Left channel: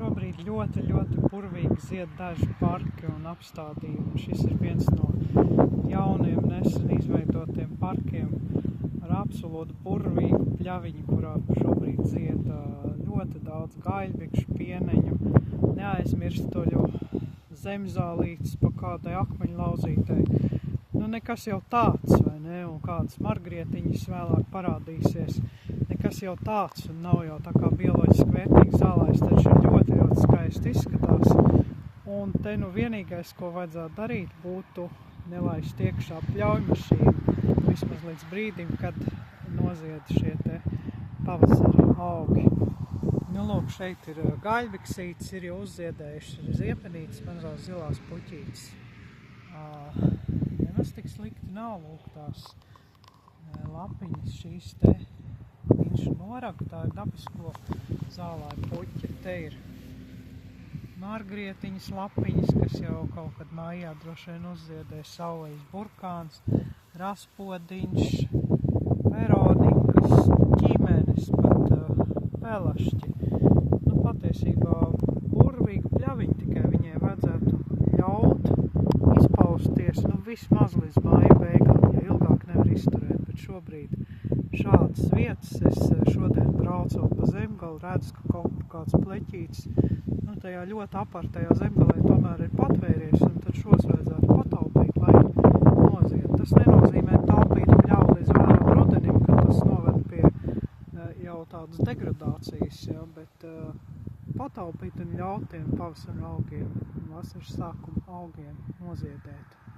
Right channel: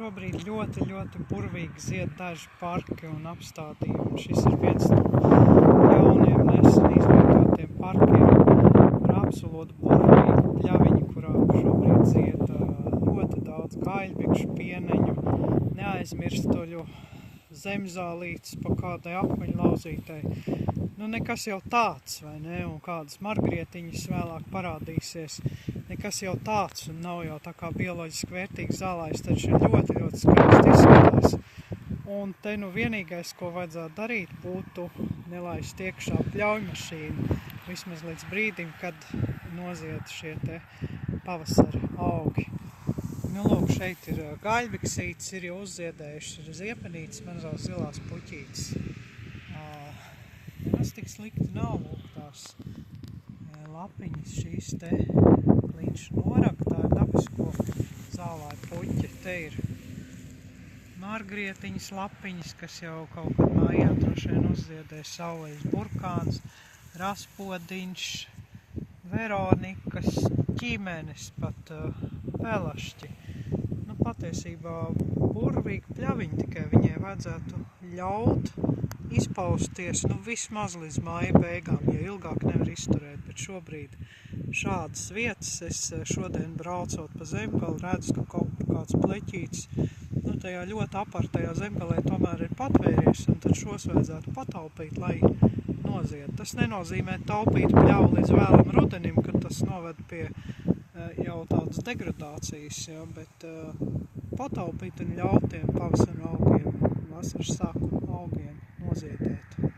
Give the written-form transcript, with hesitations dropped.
Šobrīd ļoti burvīgi zied daži parki un apstādījumi. Šis ir viens no jauniem nesen izveidotiem parkiem ar absolūti burvīgu pļaviņu, kurā šobrīd zied ļoti daudz gaļbikšu, pieneņu, neaizmirstuļu, zemzālītes pa kādai akmeņlauzītei. Nu, nekas jau tāds, vai ne? Un kādas margrietiņas vēlāk parādīsies. Nekas jau tāds un nav jau tā kā bioloģiski vērtīgs zālājs, taču ļoti skaisti izskatās. Un te nu vienīgais, ko vajadzētu darīt, būtu nelaist iekšā pļaujmašīnu, vismaz līdz brīdim, kad nozied šie te pavasara augi. Nu, lūk, šeit ir gaļbiksītes, ir jau uzziedējuši ziepenītes, mazās zilās puķītes. Nemaz tik slikti nav, lūk, tās lapiņas, šīs te līnšu noraga, tā ir dabisko zālāju puķe. Te ir margrietiņas lapiņas, kas jau kaut kad mājā droši vien uzziedē, sauleļas burkāns, raspodiņš, veronikas, ķīmenes, pat pelašķi. Nu, patiesībā burvīgi pļaviņi, tikai viņai vajadzētu ļaut izpausties, nu, vismaz līdz māja beigām, ja ilgāk nevar izturēt, bet šobrīd šādas vietas, es šodien braucot pa Zemgali, redzu, ka kaut kur kāds pleķītis, nu, tajā ļoti apartajā Zemgalē tomēr ir patvēries, un tad šos vajadzētu pataupīt, lai nozied. Tas nenozīmē taupīt pļauju līdz vēlam rudenim, kad tas noved pie jau tādas degradācijas, ja, bet pataupīt un ļaut tiem pavasara augiem, vasaras sākuma augiem noziedēt.